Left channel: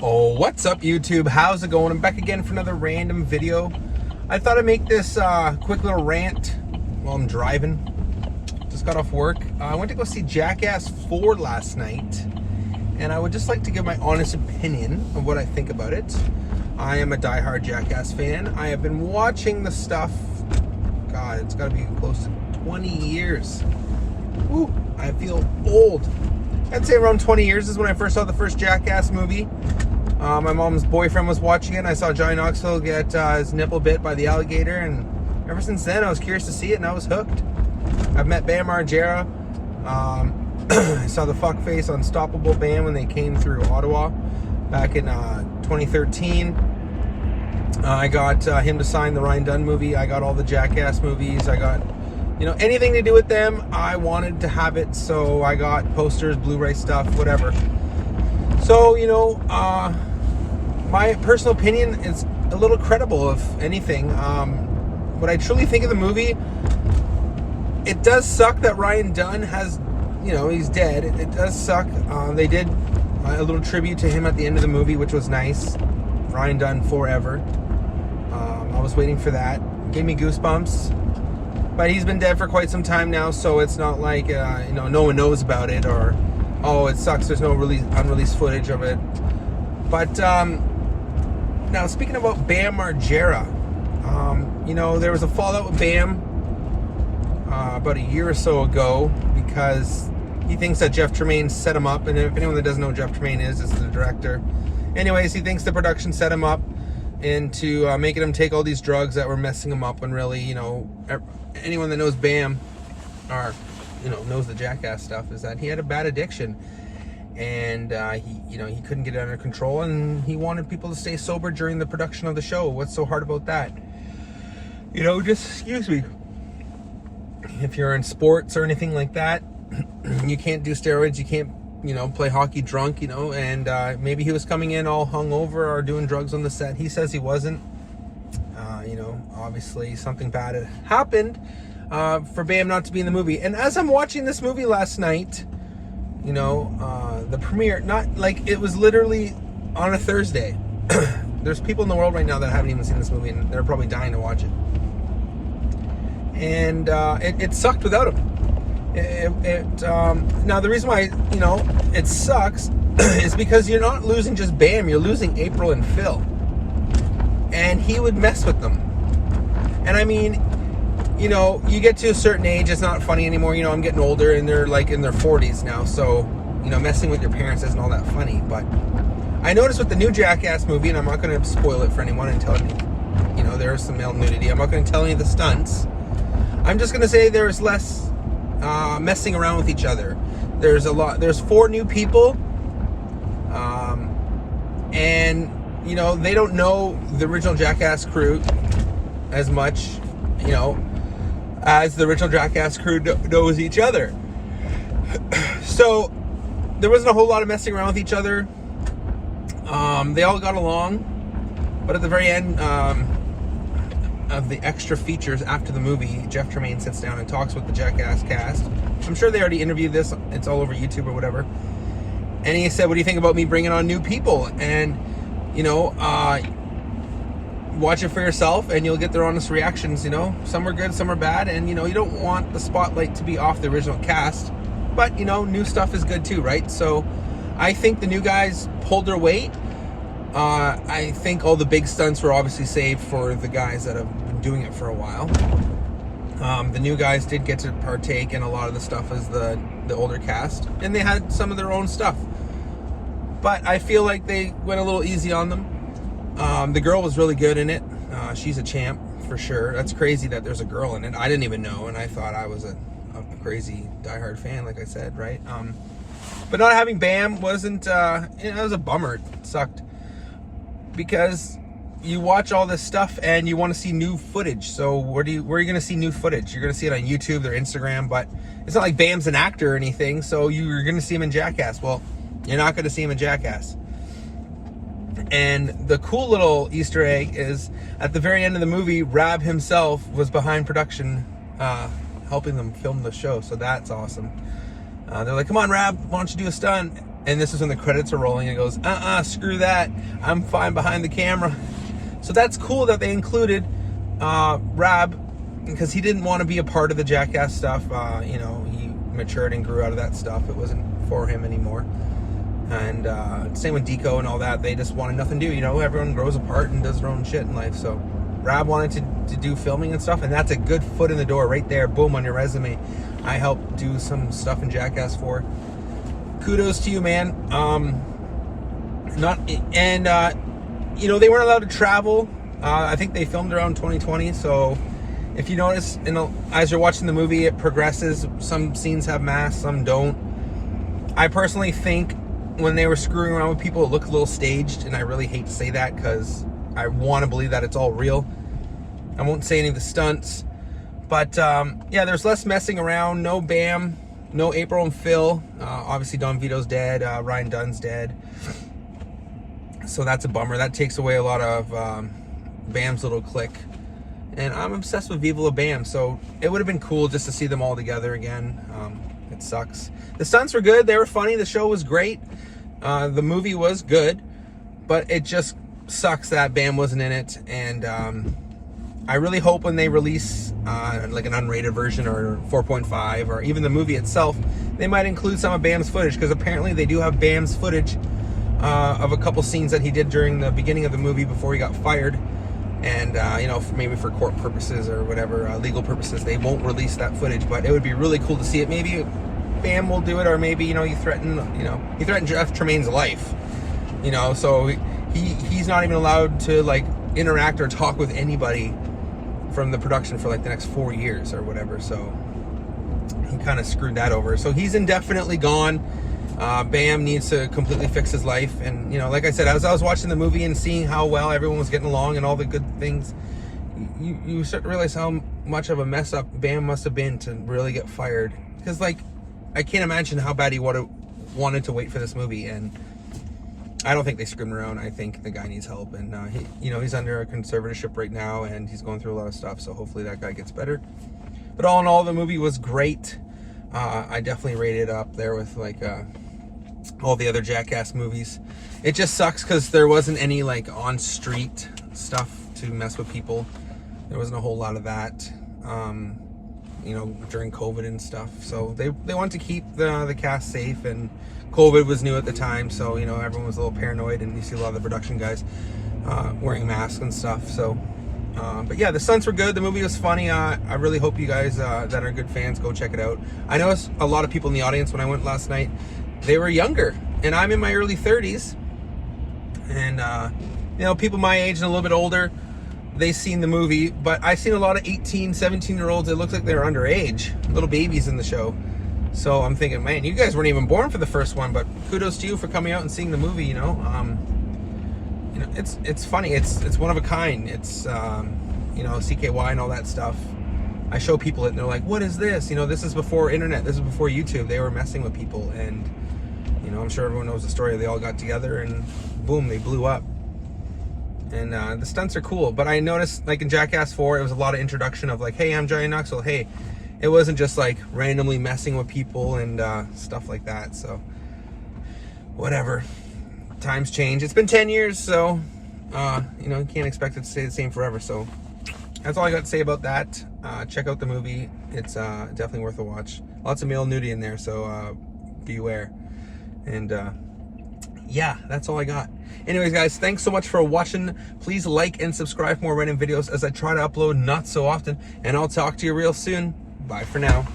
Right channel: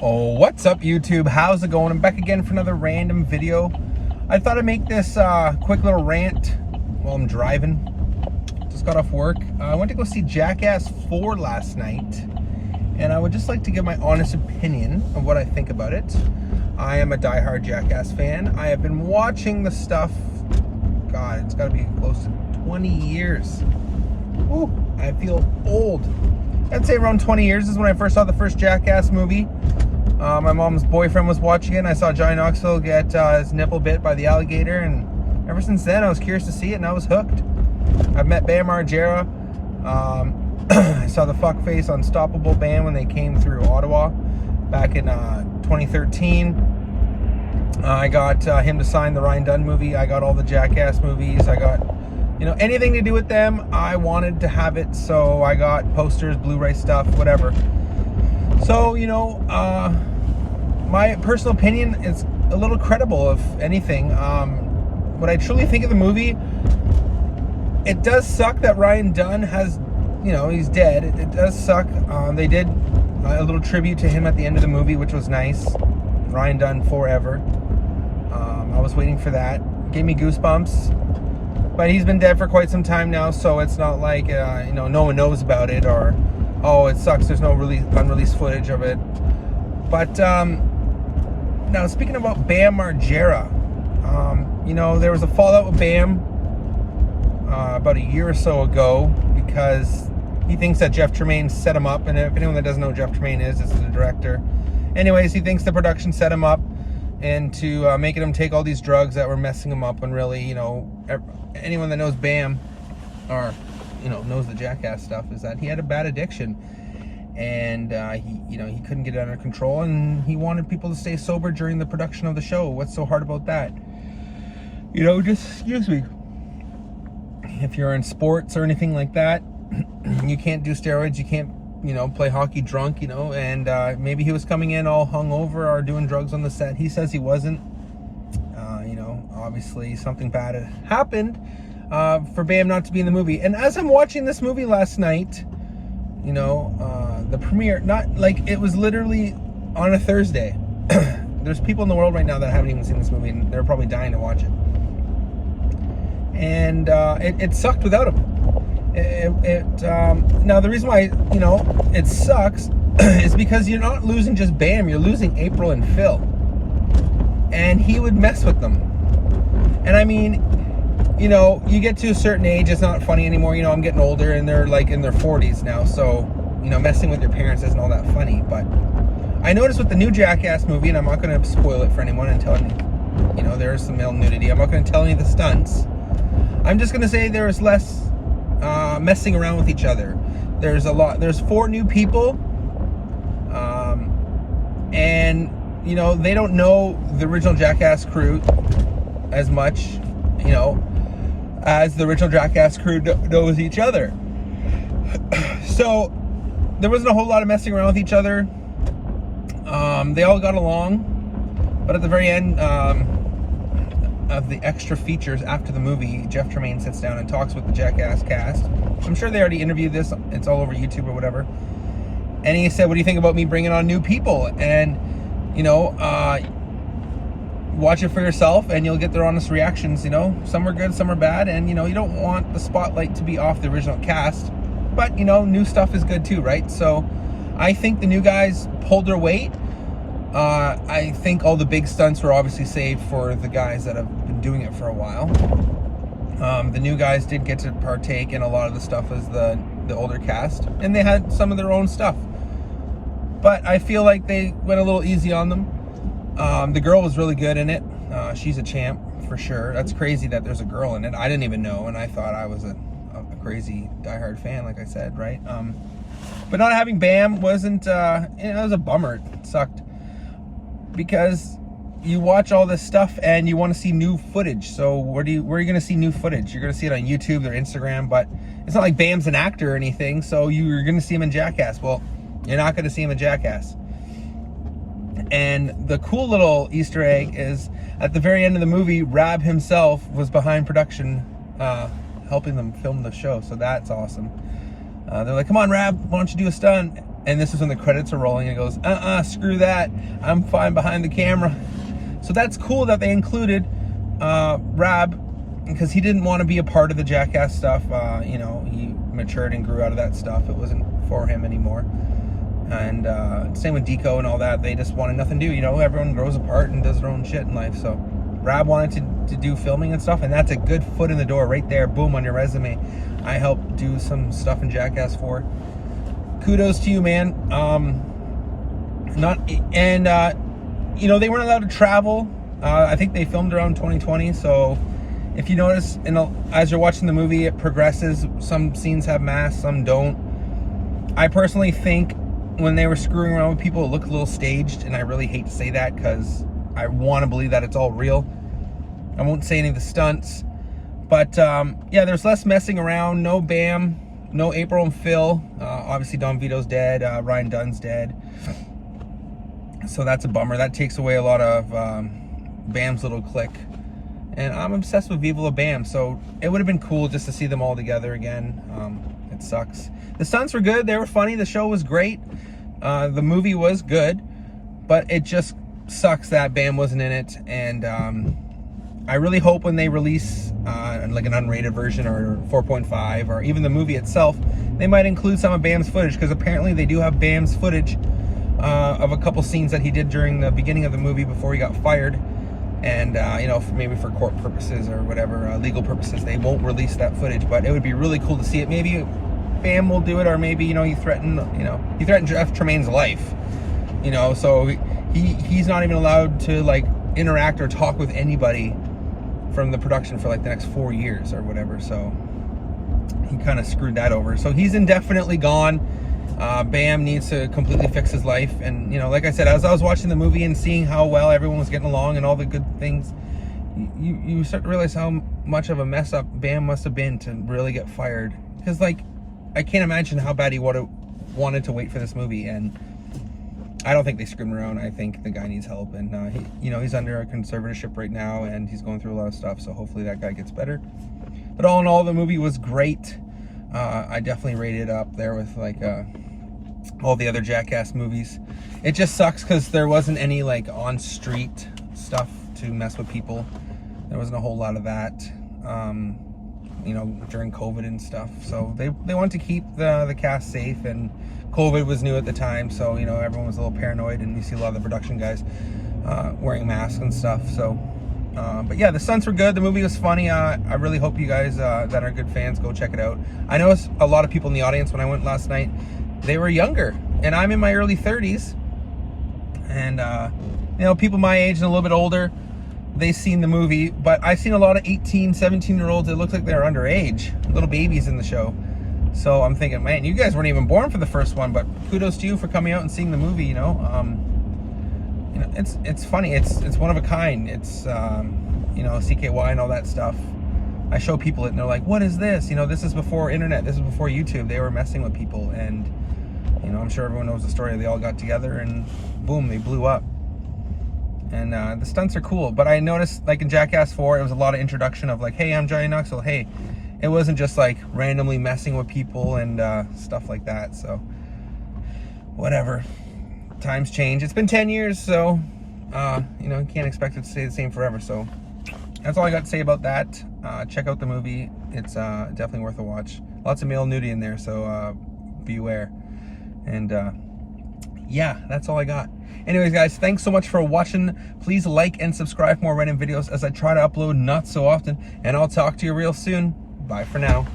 Oh, what's up YouTube? How's it going? I'm back again for another random video. I thought I'd make this quick little rant while I'm driving. Just got off work. I went to go see Jackass 4 last night, and I would just like to give my honest opinion of what I think about it. I am a diehard Jackass fan. I have been watching the stuff, God, it's gotta be close to 20 years. Woo, I feel old. I'd say around 20 years is when I first saw the first Jackass movie. My mom's boyfriend was watching it, and I saw Johnny Knoxville get his nipple bit by the alligator, and ever since then I was curious to see it, and I was hooked. I've met Bam Margera. I saw the Fuckface Unstoppable band when they came through Ottawa back in 2013. I got him to sign the Ryan Dunn movie. I got all the Jackass movies. I got, anything to do with them, I wanted to have it, so I got posters, Blu-ray stuff, whatever. So, my personal opinion is a little credible, if anything. What I truly think of the movie, it does suck that Ryan Dunn has, he's dead. It does suck. They did a little tribute to him at the end of the movie, which was nice. Ryan Dunn forever. I was waiting for that. Gave me goosebumps. But he's been dead for quite some time now, so it's not like, no one knows about it, or, oh, it sucks, there's no unreleased footage of it. But, now, speaking about Bam Margera, there was a fallout with Bam about a year or so ago, because he thinks that Jeff Tremaine set him up, and if anyone that doesn't know who Jeff Tremaine is, it's the director. Anyways, he thinks the production set him up into making him take all these drugs that were messing him up, when really, anyone that knows Bam, or knows the Jackass stuff, is that he had a bad addiction, and he couldn't get it under control, and he wanted people to stay sober during the production of the show. What's so hard about that? Just excuse me. If you're in sports or anything like that, you can't do steroids. You can't play hockey drunk. And maybe he was coming in all hungover or doing drugs on the set. He says he wasn't. Obviously something bad had happened for Bam not to be in the movie. And as I'm watching this movie last night, the premiere, not like it was literally on a Thursday. There's people in the world right now that haven't even seen this movie, and they're probably dying to watch it. And it sucked without him. Now the reason why it sucks is because you're not losing just Bam, you're losing April and Phil, and he would mess with them. And I mean, you get to a certain age, it's not funny anymore. I'm getting older, and they're like in their 40s now, so messing with your parents isn't all that funny. But I noticed with the new Jackass movie, and I'm not going to spoil it for anyone and tell you, there's some male nudity. I'm not going to tell you the stunts. I'm just going to say there's less messing around with each other. There's 4 new people, and they don't know the original Jackass crew as much, as the original Jackass crew knows each other. So there wasn't a whole lot of messing around with each other. They all got along, but at the very end of the extra features after the movie, Jeff Tremaine sits down and talks with the Jackass cast. I'm sure they already interviewed this. It's all over YouTube or whatever. And he said, what do you think about me bringing on new people? And, watch it for yourself, and you'll get their honest reactions. Some are good, some are bad, and you don't want the spotlight to be off the original cast, but new stuff is good too, right? So I think the new guys pulled their weight. I think all the big stunts were obviously saved for the guys that have been doing it for a while. The new guys did get to partake in a lot of the stuff as the older cast, and they had some of their own stuff, but I feel like they went a little easy on them. The girl was really good in it. She's a champ for sure. That's crazy that there's a girl in it. I didn't even know, and I thought I was a crazy diehard fan, like I said, right? But not having Bam wasn't, it was a bummer. It sucked, because you watch all this stuff and you want to see new footage. So where are you going to see new footage? You're going to see it on YouTube or Instagram, but it's not like Bam's an actor or anything, so you're going to see him in Jackass. Well, you're not going to see him in Jackass. And the cool little Easter egg is at the very end of the movie, Rab himself was behind production, helping them film the show. So that's awesome. They're like, come on, Rab, why don't you do a stunt? And this is when the credits are rolling, and he goes, screw that, I'm fine behind the camera. So that's cool that they included Rab, because he didn't want to be a part of the Jackass stuff. You know, he matured and grew out of that stuff. It wasn't for him anymore. And same with Deco and all that. They just wanted nothing to do. You know, everyone grows apart and does their own shit in life. So Rab wanted to do filming and stuff, and that's a good foot in the door right there. Boom, on your resume. I helped do some stuff in Jackass 4. Kudos to you, man. You know, they weren't allowed to travel. I think they filmed around 2020. So if you notice, as you're watching the movie, it progresses. Some scenes have masks, some don't. I personally think when they were screwing around with people, it looked a little staged, and I really hate to say that because I want to believe that it's all real. I won't say any of the stunts, but yeah, there's less messing around. No Bam, no April and Phil. Obviously, Don Vito's dead. Ryan Dunn's dead. So that's a bummer. That takes away a lot of Bam's little clique. And I'm obsessed with Viva La Bam, so it would have been cool just to see them all together again. It sucks. The stunts were good. They were funny. The show was great. The movie was good, but it just sucks that Bam wasn't in it. And I really hope when they release like an unrated version or 4.5 or even the movie itself, they might include some of Bam's footage, because apparently they do have Bam's footage of a couple scenes that he did during the beginning of the movie before he got fired. And you know, maybe for court purposes or whatever, legal purposes, they won't release that footage, but it would be really cool to see it. Maybe Bam will do it, or maybe, you know, he threatened Jeff Tremaine's life, you know, so he's not even allowed to like interact or talk with anybody from the production for like the next 4 years or whatever. So he kind of screwed that over. So he's indefinitely gone. Bam needs to completely fix his life. And, you know, like I said, as I was watching the movie and seeing how well everyone was getting along and all the good things, you start to realize how much of a mess up Bam must have been to really get fired. Because, like, I can't imagine how bad he would have wanted to wait for this movie. And I don't think they screwed him around. I think the guy needs help. And, you know, he's under a conservatorship right now, and he's going through a lot of stuff. So hopefully that guy gets better. But all in all, the movie was great. I definitely rated it up there with, like, all the other Jackass movies. It just sucks because there wasn't any like on street stuff to mess with people. There wasn't a whole lot of that, you know, during COVID and stuff. So they wanted to keep the cast safe, and COVID was new at the time, so, you know, everyone was a little paranoid, and you see a lot of the production guys wearing masks and stuff. So but yeah, the stunts were good. The movie was funny. I really hope you guys that are good fans go check it out. I noticed a lot of people in the audience when I went last night, they were younger, and I'm in my early 30s, and you know, people my age and a little bit older, they've seen the movie, but I've seen a lot of 18, 17-year-olds. It looks like they're underage, little babies in the show. So I'm thinking, man, you guys weren't even born for the first one, but kudos to you for coming out and seeing the movie. You know, it's funny. It's one of a kind. It's you know, CKY and all that stuff. I show people it, and they're like, what is this? You know, this is before internet. This is before YouTube. They were messing with people, and, you know, I'm sure everyone knows the story. They all got together, and boom, they blew up. And the stunts are cool. But I noticed, like in Jackass 4, it was a lot of introduction of like, hey, I'm Johnny Knoxville. Hey, it wasn't just like randomly messing with people and stuff like that. So, whatever. Times change. It's been 10 years, so, you know, you can't expect it to stay the same forever. So, that's all I got to say about that. Check out the movie. It's definitely worth a watch. Lots of male nudity in there, so beware. And yeah, that's all I got. Anyways, guys, thanks so much for watching. Please like and subscribe for more random videos as I try to upload not so often. And I'll talk to you real soon. Bye for now.